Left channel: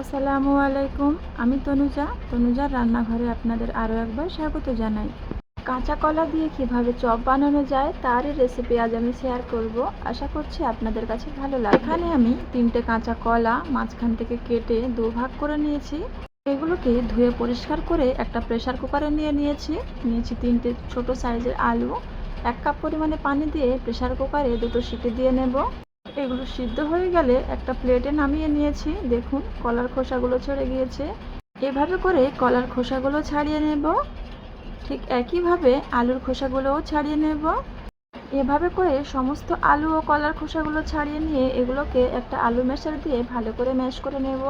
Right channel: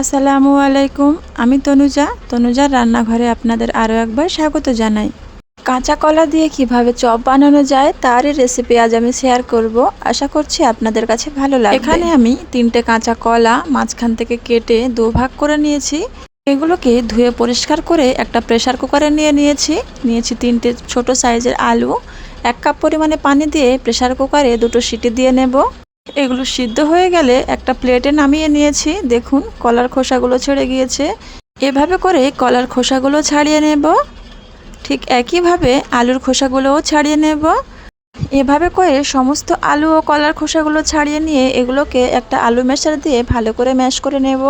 আসসালামু আলাইকুম। আমি তনুজার রান্নাঘরে আপনাদের আরও একবার স্বাগত জানাই। কাঁচা কলা দিয়ে কিভাবে চপ বানানো যায় তারই রেসিপি আজ আমি শেয়ার করব। আশা করছি আপনাদের কাছে ভালো লাগবে। এখানে আমি 3টে কাঁচা কলা মাঝখান থেকে কেটে দুভাগ করে নিয়েছি। এগুলোকে ধুয়ে পরিষ্কার করে একটা প্রেসার কুকারে নিয়েছি 3টে ছোট সাইজের আলু। 1 কাপ পরিমাণে পানি দিয়ে প্রেসার কুকারে 2টো সিটি দিয়ে নেব। এগুলো সিদ্ধ হয়ে গেলে একটা প্লেটে নামিয়ে নিয়েছি। দেখুন কলার খোসাগুলো ছেড়ে গিয়েছে। এভাবে করে কলার খোসাগুলো ছাড়িয়ে নেব। ঠিক একইভাবে আলুর খোসাগুলোও ছাড়িয়ে নেব। এভাবে করে সমস্ত আলু ও কলার খোসাগুলো ছাড়িয়ে নিয়ে এগুলোকে একটা আলু ম্যাশার দিয়ে ভালো করে ম্যাশ করে নেব।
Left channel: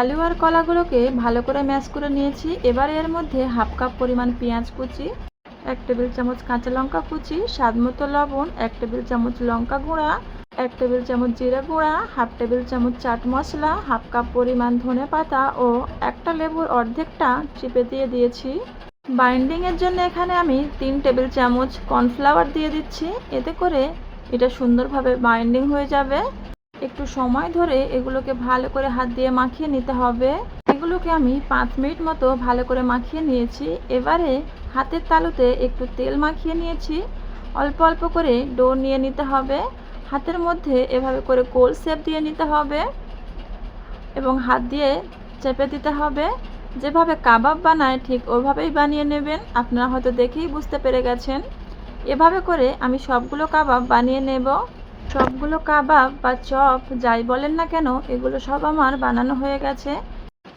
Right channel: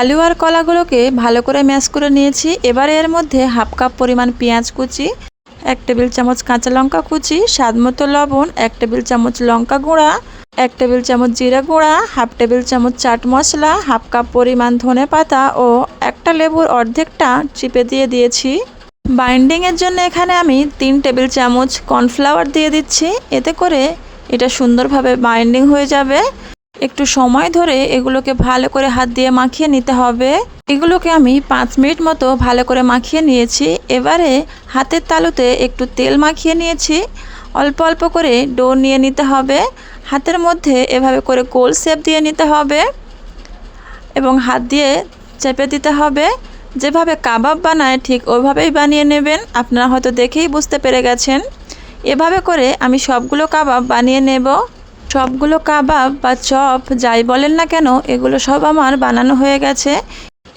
আলু আর কলাগুলোকে ভালো করে ম্যাশ করে নিয়েছি। এবারে এর মধ্যে 1/2 কাপ পরিমাণ পেঁয়াজ কুচি, 1 টেবিল চামচ কাঁচা লঙ্কা কুচি, স্বাদমতো লবণ, 1 টেবিল চামচ লঙ্কা গুঁড়া, 1 টেবিল চামচ জিরা গুঁড়া, 1/2 টেবিল চামচ চাট মশলা, 1/2 কাপ পরিমাণ ধনে পাতা ও একটা লেবুর অর্ধেকটা চিপে দিয়ে দিয়েছি। বাইন্ডিংয়ের জন্য এখানে আমি 3 টেবিল চামচ কর্নফ্লাওয়ার দিয়ে দিচ্ছি। এতে করে এটা সুন্দরভাবে বাইন্ডিং হয়ে যাবে। একটু সময় ধরে এগুলোকে ভালো করে হাত দিয়ে মাখিয়ে নিতে হবে। এগুলোকে আমি 5 মিনিট মতো ভালো করে মাখিয়ে নিয়েছি। এবারে হাতের তালুতে একটু তেল মাখিয়ে নিয়েছি। অল্প অল্প করে ডো নিয়ে নিতে হবে। হাতের মধ্যে এভাবে করে গোল শেপ দিয়ে নিতে হবে এবং হাত দিয়ে চেপে দিতে হবে। যেভাবে কাবাব বানায় ঠিক ওইভাবেই বানিয়ে নেবেন। আপনারা হয়তো দেখেই বুঝতে পেরে গেছেন। এভাবে করে আমি সবগুলো কাবাব বানিয়ে নেব। সবগুলো কাবাব বা চপ যাই বলেন না কেন এগুলো সব আমার বানানো হয়ে গেছে।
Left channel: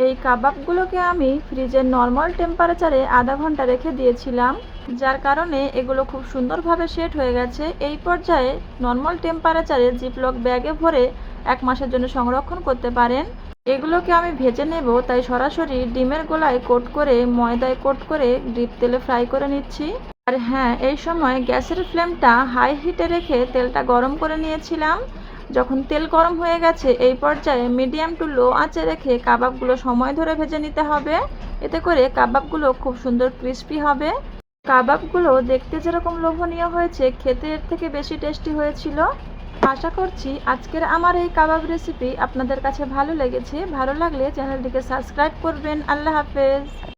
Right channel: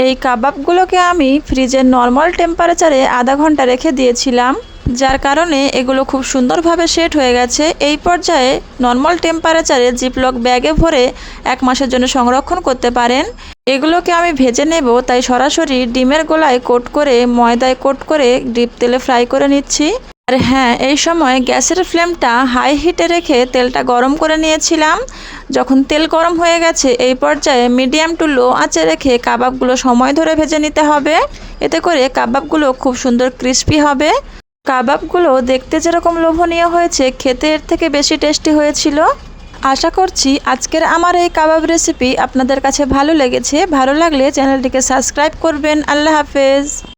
এই কাবাবগুলোকে আমি ফ্রিজের নর্মাল টেম্পারেচারে আধা ঘন্টা রেখে দিয়েছিলাম, যার কারণে এগুলো খুব সুন্দরভাবে সেট হয়ে গেছে। এই পর্যায়ে নর্মাল টেম্পারেচারে জিপলক ব্যাগে ভরে 1 মাসের জন্য সংরক্ষণ করতে পারেন। এগুলোকে আমি ভেজে নেব, তাই সরাসরি ডিমের গোলায় কোট করে ময়দায় কোট করে ডিপ তেলে ফ্রাই করে নিচ্ছি। আর হ্যাঁ, এই সময় গ্যাসের ফ্লেমটা হাই হিটে রেখে তেলটা গরম করে নিয়েছিলাম। যখন তেল গরম হয়ে গেছে এই পর্যায়ে মিডিয়াম টু লো আঁচে রেখে কাবাবগুলো সময় ধরে ভেজে নিতে হবে। এতে করে কাবাবগুলো খুব সুন্দর ক্রিস্পি হবে। কাবাবগুলো দেখতে যেরকম লোভনীয় হয়েছে, খেতে এর থেকে বেশি টেস্টি হয়েছিল। আশা করছি আজকের আমার এই কাবাব রেসিপি আপনাদের কাছে ভালো লেগেছে। ভালো লাগলে চ্যানেলটিকে সাবস্ক্রাইব করবেন। আল্লাহ হাফেজ।